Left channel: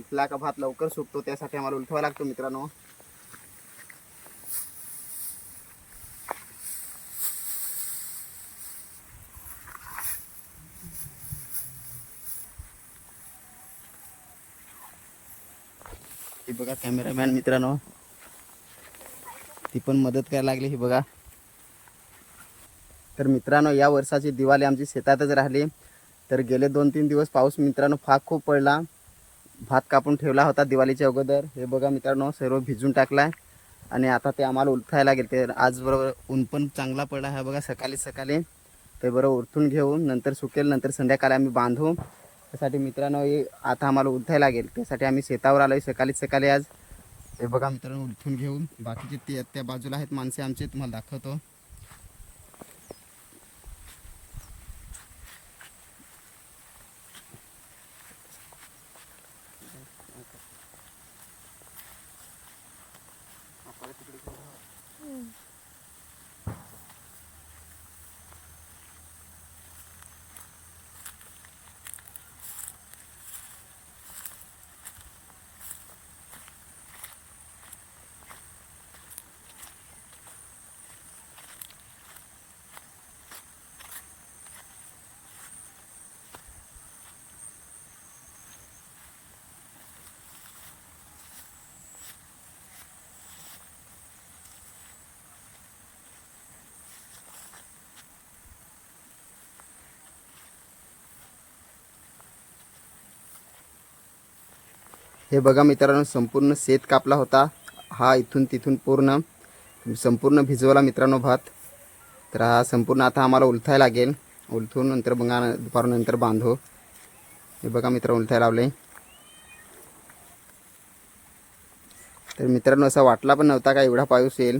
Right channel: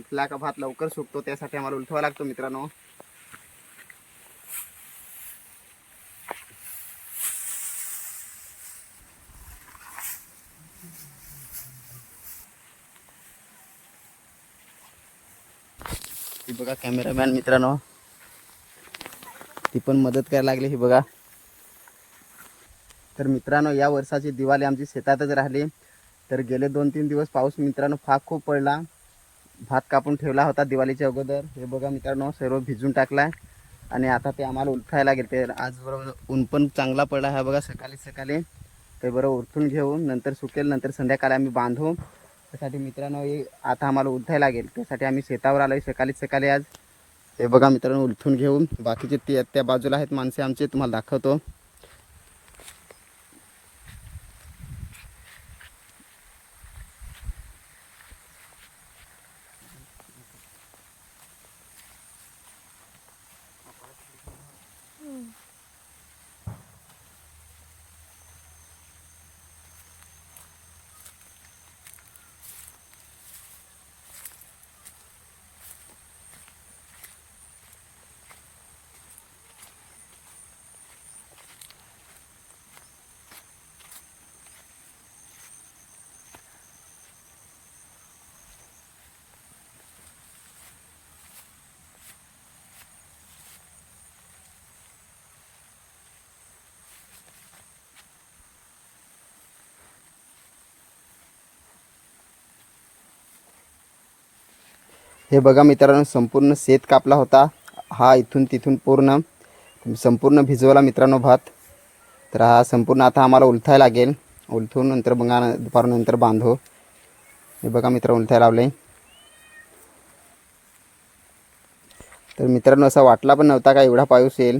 उलटला का भात लवकर सुकतो त्यासाठी आम्हाला उलटवा लागतो मित्रांनो. ही बघा कॅमेरामॅन मित्रांनो. ती पण मदत करायला लागली ही बघा. तर मित्रांनो या वर्षाची दिवाळी आमची शेतातच राहिली. तर गेले दोन तीन दिवस पाऊस मित्रांनो फाक खूप पडला. भात कापून ठेवला होता दिवाळीच्या अगोदर. हे बघा मित्रांनो सर्व भिजून टाकलाय. आणि आता ते आम्हाला उलथायला गेले ते आज बरोबर ऊन पण चांगला पडला हा बघा सकाळी सकाळी. ते बरोबर उरथून घेऊ नंतर सुकेल नंतर संध्याकाळी आम्ही बांधू. त्यासाठी मित्रांनो हे आता आम्हाला उलथायला लागेल. त्यासाठी आम्ही शेतावर आलो सकाळी सकाळी आज. हे बघा मित्रांनो उलथून घेऊन. बाकीचे ते त्या बाजूला आहेत माणसे आमचे तुम्हाला दाखवतो. हे बघा मित्रांनो संपूर्ण शेत कापला होता. हा इथून तिथून पूर्ण संपूर्ण भिजवला मित्रांनो भात. तर हा संपूर्ण आता आम्हाला उलथायला लागेल. उलथून नंतर बघा दुपारनंतर बांधू. हे बघा मित्र उलथाय लावले तर मित्रांनो असा वाटला पण नव्हता का एवढा पाऊस येईल?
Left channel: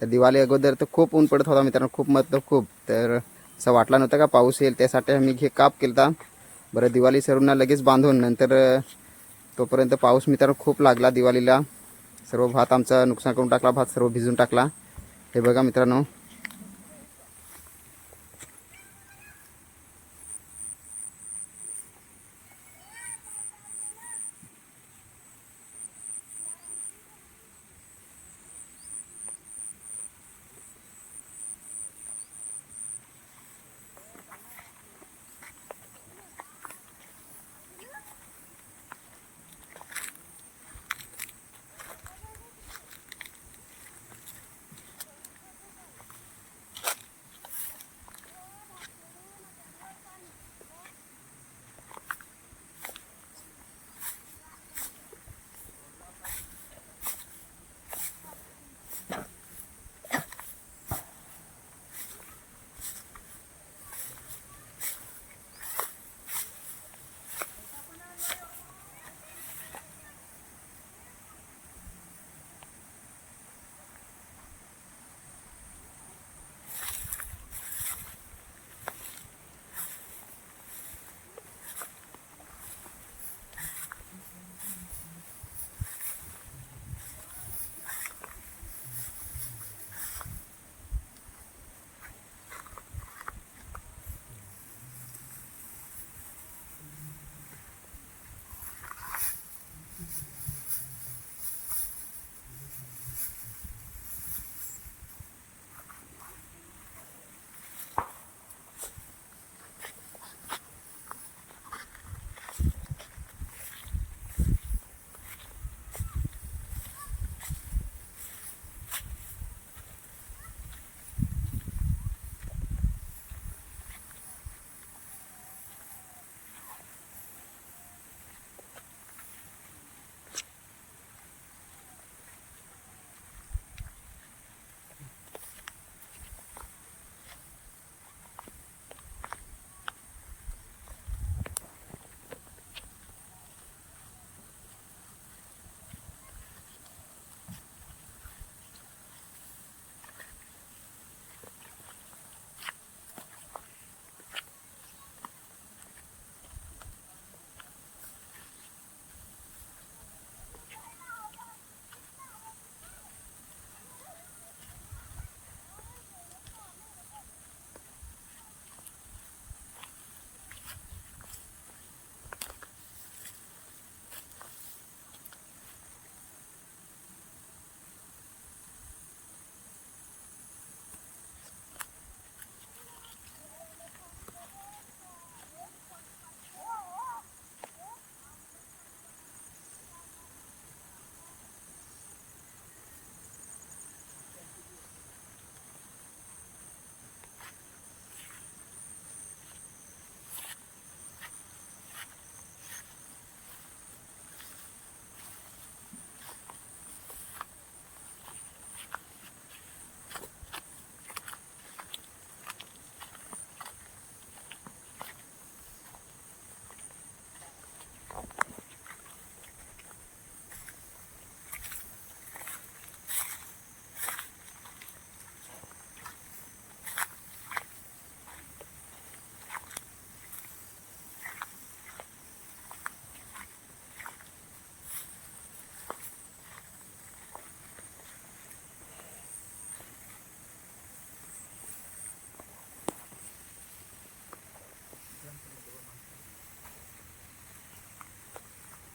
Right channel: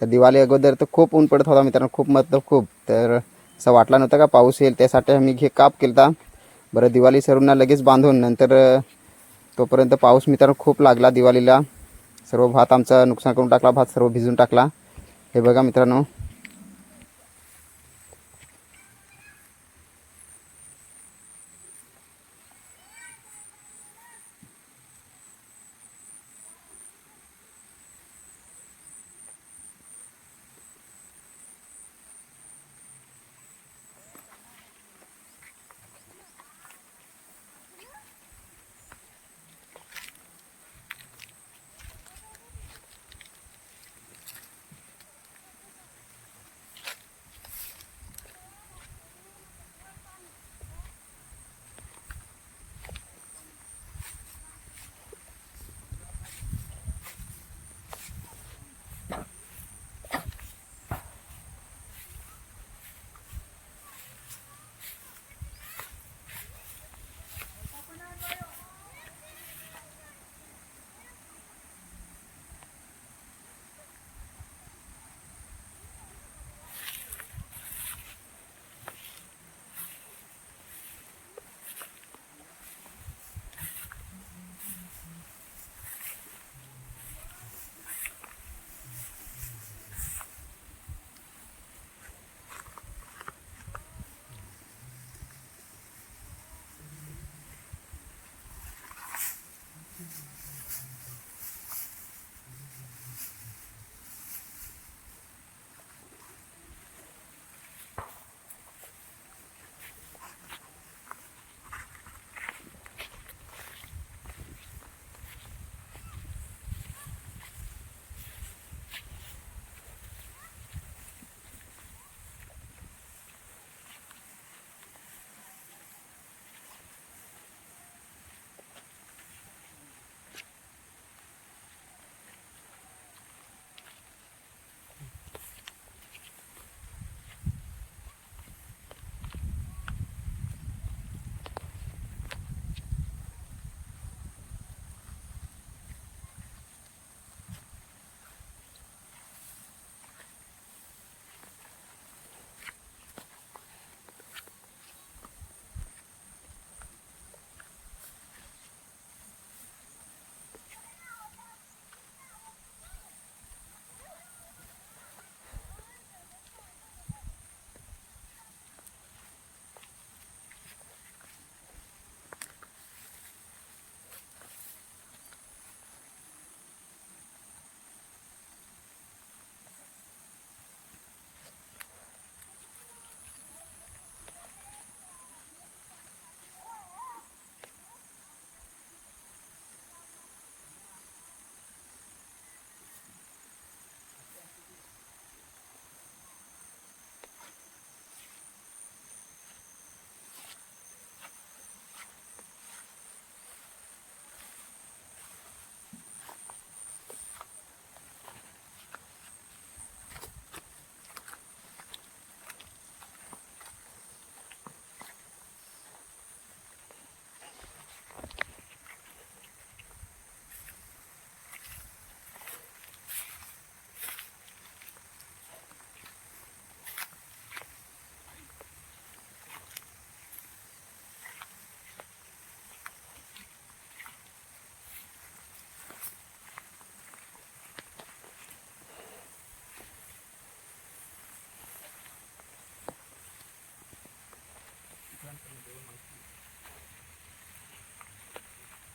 तर दिवाळी अगोदर तर खूप ऊन पडत होता मित्रांनो खूप मतलब खूप. तर असा वाटला नव्हता का पाऊस येईल? त्यासाठी आम्ही घे काप केला बरं दिवाळी सर्वांना लगेच बांधून नंतर तोपर्यंत पाऊस मित्रांनो खूप लागला दिवाळीला. सर्व भात आमचा नुकसान करून टाकला भात सर्व भिजून टाकला. हे बघा मित्रांनो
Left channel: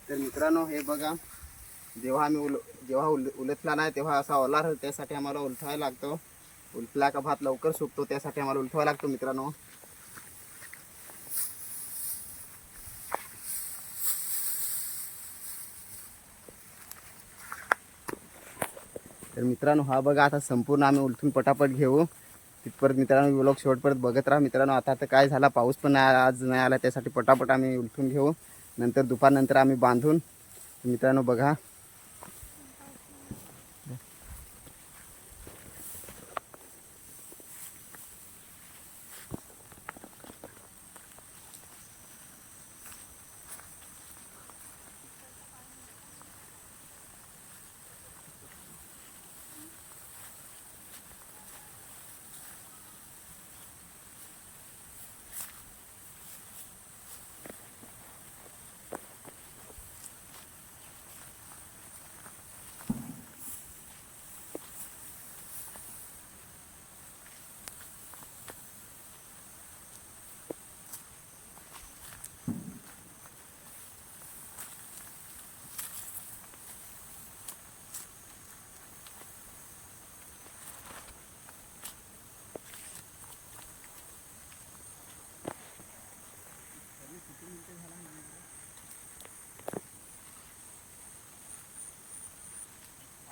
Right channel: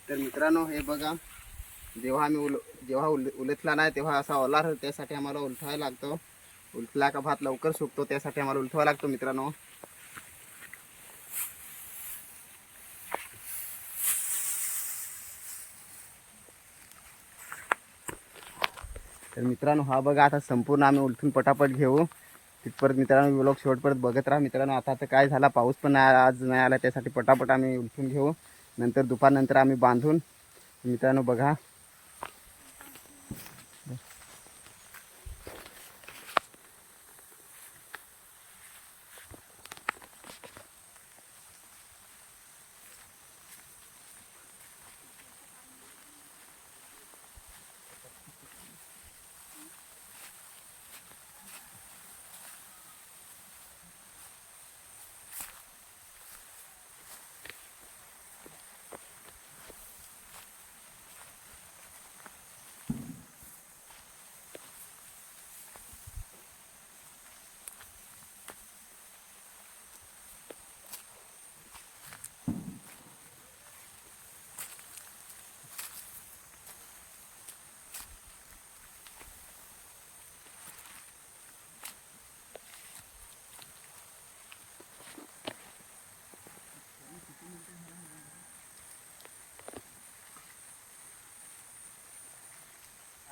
तर मित्रांनो हे बघा. जेव्हा आम्ही उल जेव्हा उल उलटला नाही तेव्हा असा ओला राहतो त्यासाठी आम्हाला उलथावा लागतो. उलटला का भात लवकर सुकतो त्यासाठी आम्हाला उलथवा लागतो मित्रांनो. तर मित्रांनो हा बघा आता संपूर्ण आम्ही उलथून पटापट घेऊ. तिथपर्यंत मित्रांनो व्लॉग शेवटपर्यंत बघत राहा. मित्रांनो आता तर काय झाला पाऊस पण आज नाही आला त्यासाठी पटापट आम्ही उलथून घेऊ. नंतर दुपारनंतर आम्ही बांधून मित्रांनो बघा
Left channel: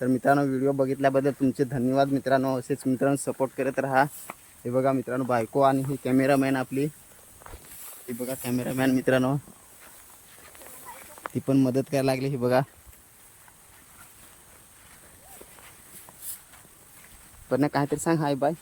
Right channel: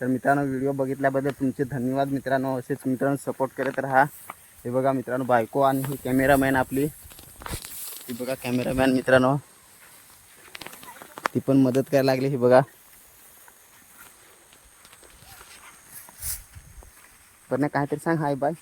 तर मित्रांनो व्हिडिओ बघितल्याबद्दल तुमचे धन्यवाद. मित्रांनो असेच मित्रांनो सपोर्ट करत राहा. हे बघा मित्रांनो बायको आणि ही कॅमेरामॅन आपली. ही बघा कॅमेरामॅन मित्रांनो. ती पण मदत करायला लागली ही बघा. पण काहीतरी सांग. Hi bye.